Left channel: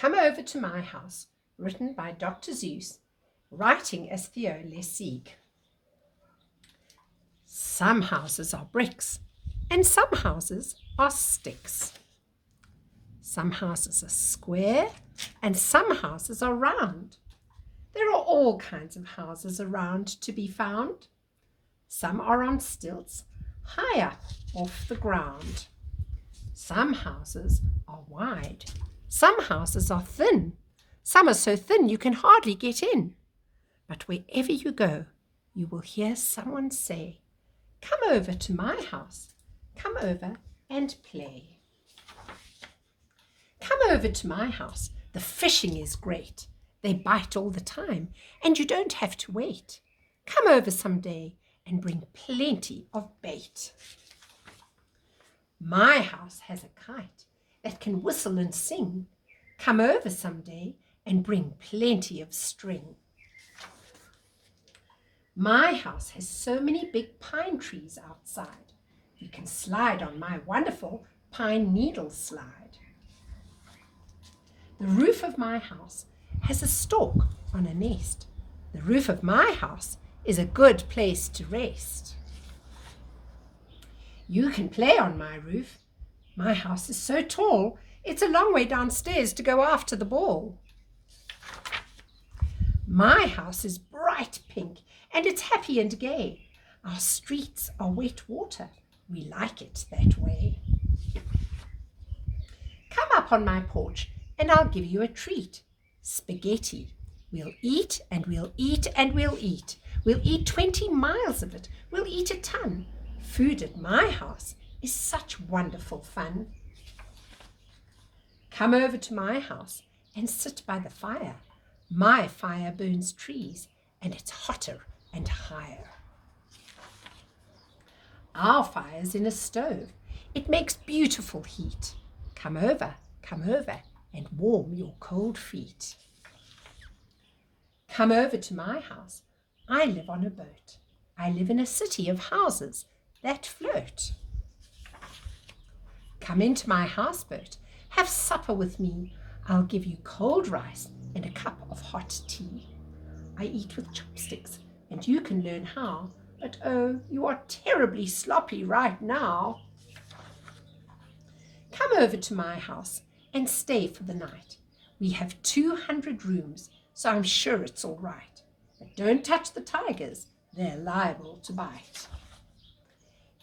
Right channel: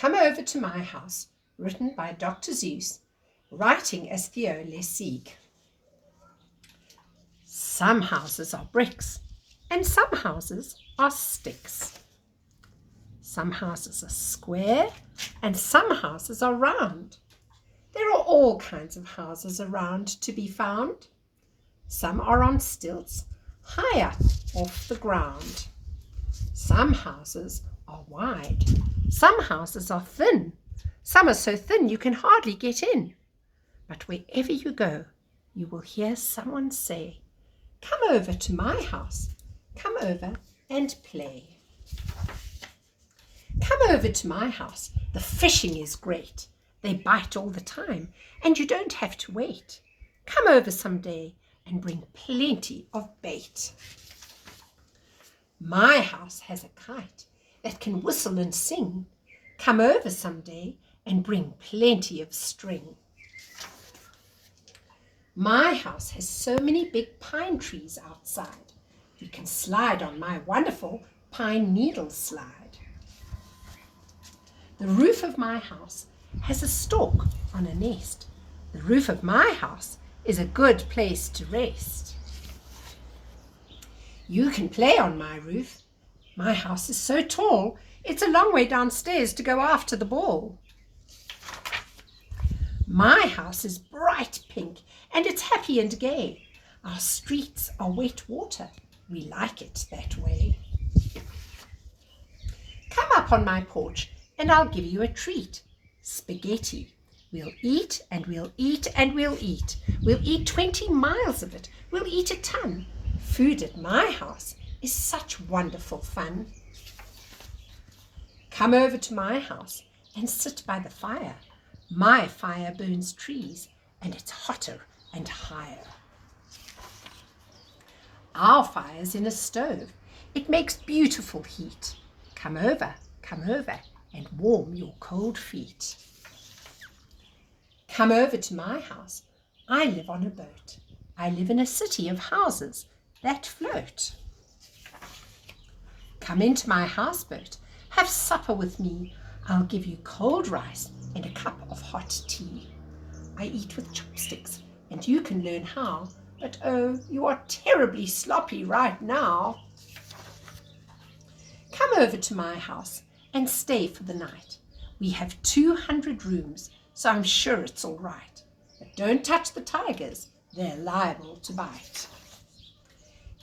Come over to my house, written by Dr. Seuss, writing as Theo LeSieg. Some houses are bricks, and some houses are sticks. Some houses are square, and some houses are round. There are all kinds of houses around to be found. Some are on stilts, high up off the ground. Some houses are wide. Some houses are thin. Some are so thin you can hardly get in. But wherever you go, you will hear someone say, "Come over to my house. Come over and play." Come over to my house. The fishing is great. They bite all the time, and you don't have to wait. Come over someday and bring plenty of bait. My house has a kite that can whistle and sing. Come over someday and bring plenty of string. My house has so many big pine trees outside. You can slide on my wonderful pine needle slide. The roof of my house has a stork on a nest. The roof of my house is a good place to rest. You can play on my roof. My house is so tall, it's a long way downstairs to go after the ball. My house is bright pink and it's happy and gay. Our streets are wet water. We like it that way. Come up on my porch and I'll give you a treat. Spaghetti. We'll eat and we'll eat and we'll eat. We'll eat 20 miles of it. We'll eat a ton. Food at my house is such wonderful fun. Come over to my house and sit by the fire. My fire burns trees and it's hotter and higher. Our fire's in a stove. It makes beautiful heat. Come over and warm your cold feet. Come over to my house. I live on a boat. I live in a city of houses that float. Come into my houseboat. Have supper with me. I'll give you cold rice and a cup of hot tea. I eat with chopsticks, and you can learn how. But oh, you are terribly sloppy right now. Come over to my house and stay for the night. We have 200 rooms, so I'm sure it's all right. But don't touch the tigers. They're liable to bite.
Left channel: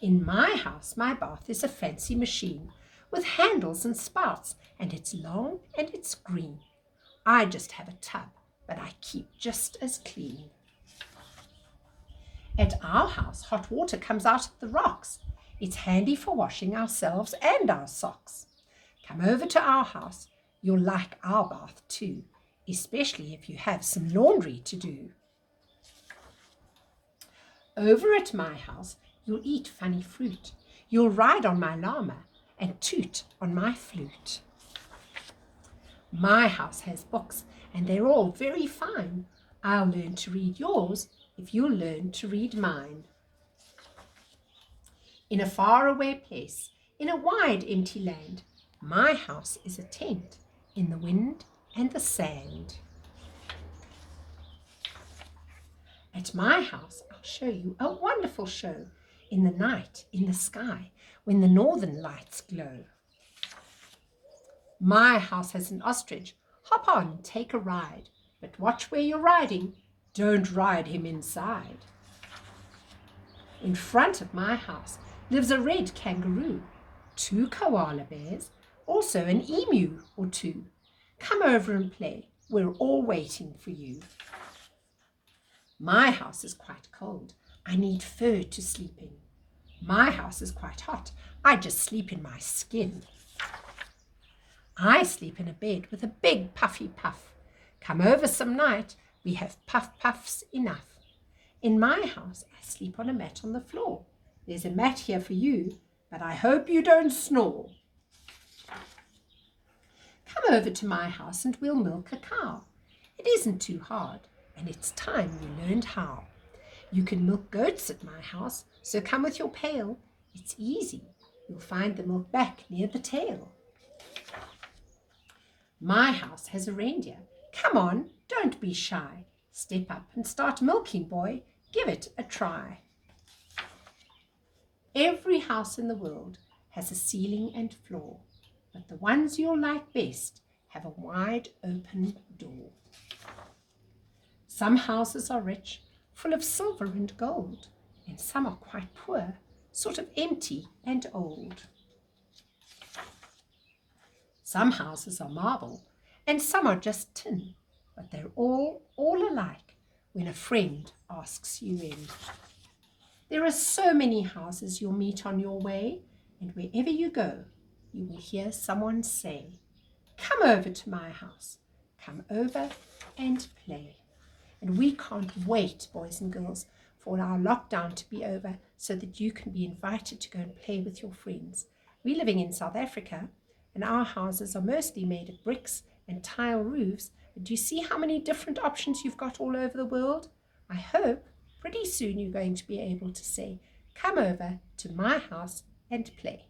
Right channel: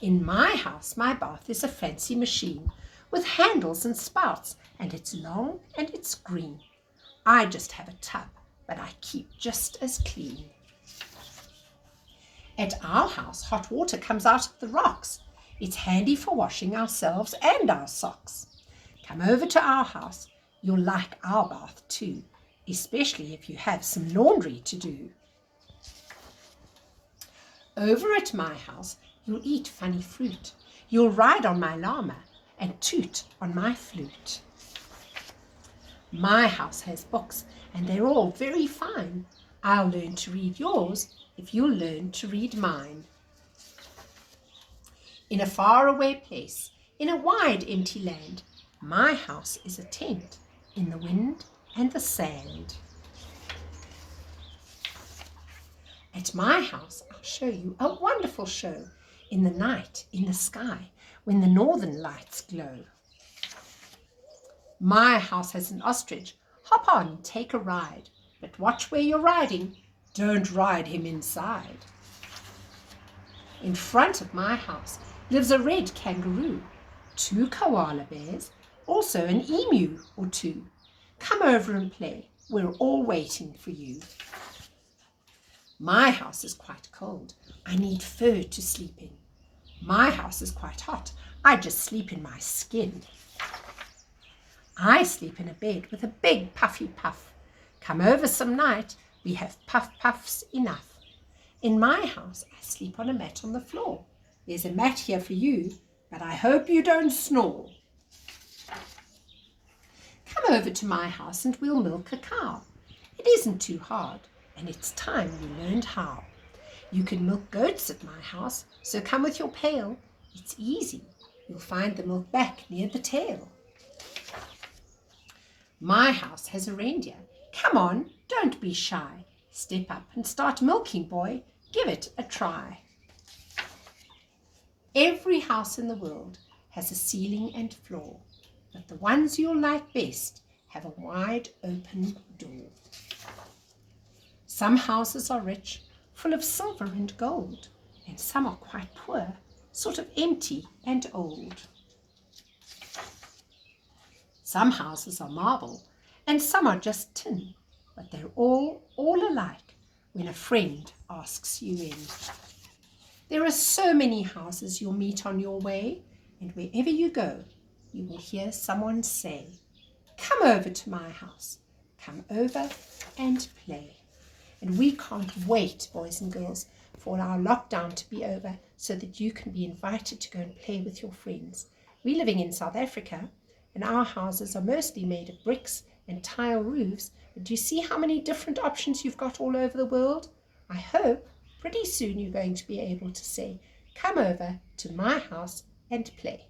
In my house, my bath is a fancy machine with handles and spouts, and it's long and it's green. I just have a tub, but I keep just as clean. At our house, hot water comes out of the rocks. It's handy for washing ourselves and our socks. Come over to our house. You'll like our bath too, especially if you have some laundry to do. Over at my house, you'll eat funny fruit. You'll ride on my llama and toot on my flute. My house has books, and they're all very fine. I'll learn to read yours if you'll learn to read mine. In a faraway place, in a wide empty land, my house is a tent in the wind and the sand. At my house, I'll show you a wonderful show in the night, in the sky, when the northern lights glow. My house has an ostrich. Hop on, take a ride, but watch where you're riding. Don't ride him inside. In front of my house lives a red kangaroo, 2 koala bears, also an emu or 2. Come over and play. We're all waiting for you. My house is quite cold. I need fur to sleep in. My house is quite hot. I just sleep in my skin. I sleep in a bed with a big puffy puff. Come over some night. We have puffs enough. In my house, I sleep on a mat on the floor. There's a mat here for you, but I hope you don't snore. Come over to my house and we'll milk a cow. It isn't too hard, and it's time you learned how. You can milk goats at my house, so come with your pail. It's easy. You'll find the milk back near the tail. My house has a reindeer. Come on, don't be shy. Step up and start milking, boy. Give it a try. Every house in the world has a ceiling and floor, but the ones you'll like best have a wide open door. Some houses are rich, full of silver and gold, and some are quite poor, sort of empty and old. Some houses are marble, and some are just tin, but they're all alike when a friend asks you in. There are so many houses you'll meet on your way, and wherever you go, you will hear someone say, "Come over to my house. Come over and play." And we can't wait, boys and girls, for our lockdown to be over so that you can be invited to go and play with your friends. We're living in South Africa, and our houses are mostly made of bricks and tile roofs, but do you see how many different options you've got all over the world? I hope pretty soon you're going to be able to say, "Come over to my house and play."